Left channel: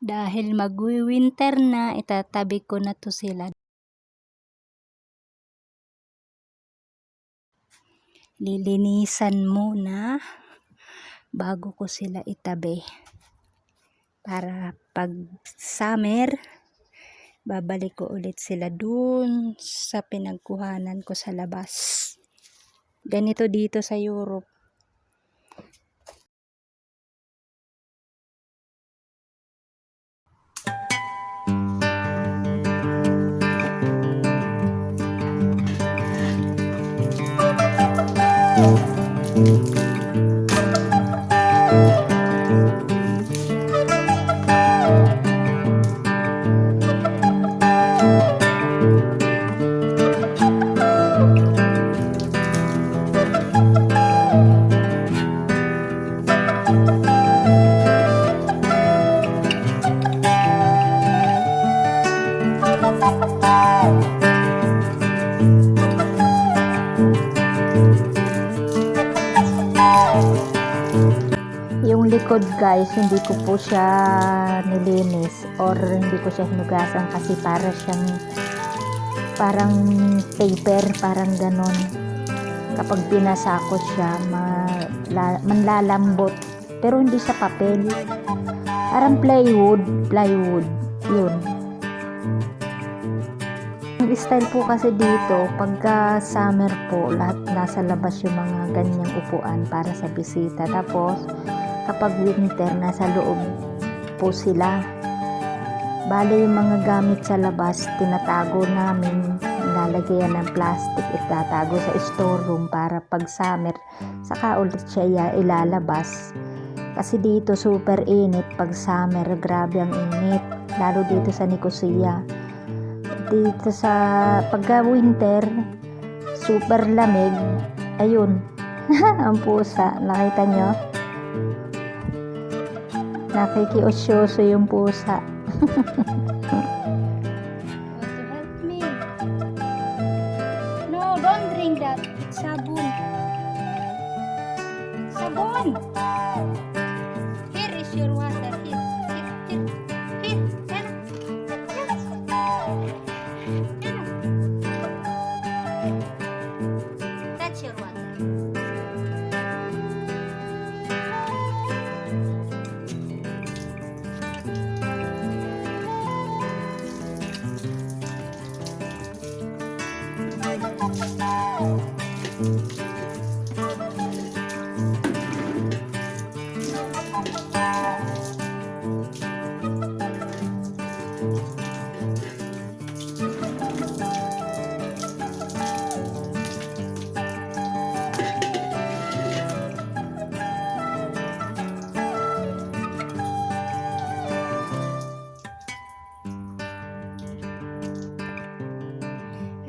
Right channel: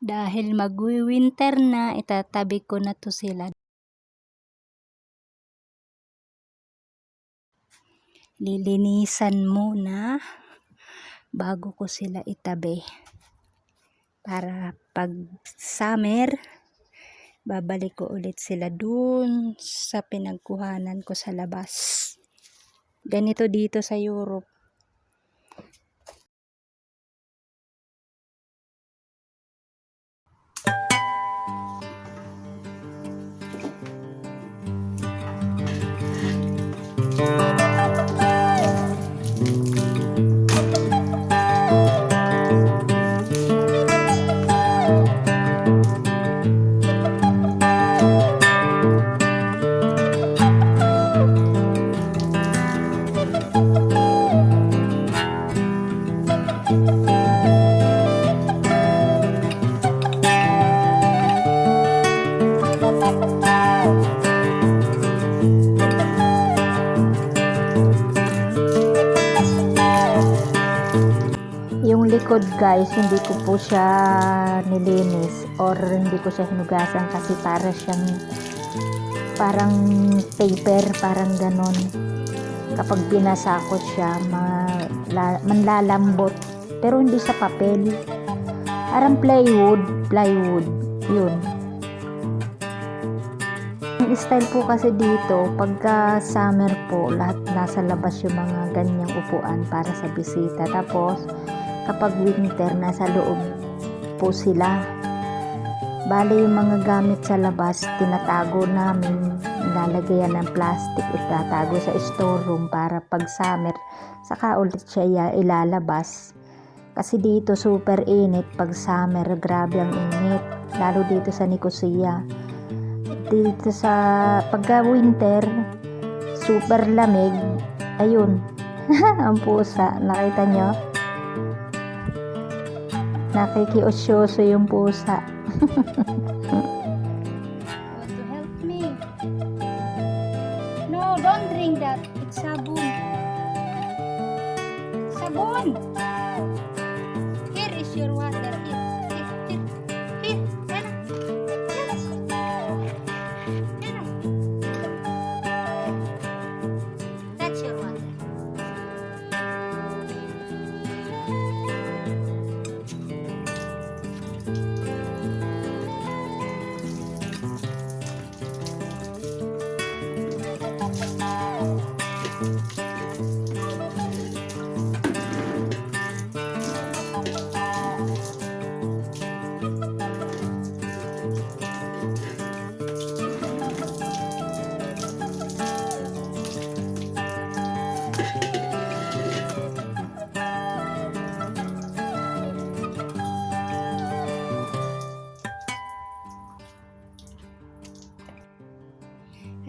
Dahil magwi-winter na, itatabi ko na to sila. Lilinisan muna bago ko sila itabi. Para pag summer, babalik ko ulit sila dun sa pinagkuhanan ko sa labas. Ganito dito sa Europe. Yung likod guys, hindi ko po siya nilinis or hindi ko siya hinugasan kasi para siyang parang paper, parang ganon. Kapag binasa ko siya, manlalambot. Pero hindi sa papel. Parang plywood, yun. Yung style po kasi dito, pagka summer po, lahat nasa labas yung mga ganyang upuan para sa bisita. Tapos, kapag winter, nasa loob po sila. Bale yung mga gamit sa labas, tinatago namin, lalagyan ng plastic, itatago sa storeroom para pag summer, saka ulit siya ilalabas. Kasi dito super init pag summer, grabe ang init, lalo dito sa Nicosia. Dito sa pagka winter, super lamig, ayun, ang pusa, nakita nyo? Nakikiosyoso yung pusa. Want to help me? No, don't drink that. It's sabon. Sabon! Here is your water. Here. Here. Here. Here. Here. That's your water.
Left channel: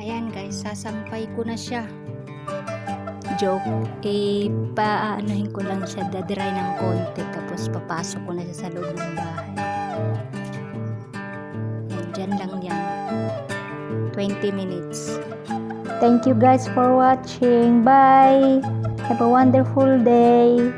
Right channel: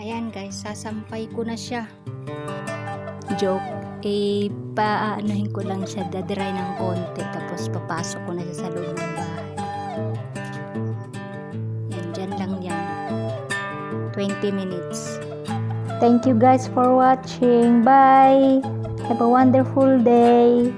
Ayan guys, sasampay ko na siya. Joke. Paanohin ko lang siya, dadry ng konti. Tapos papasok ko na siya sa loob ng bahay. Yan, dyan lang yan. 20 minutes. Thank you guys for watching. Bye! Have a wonderful day!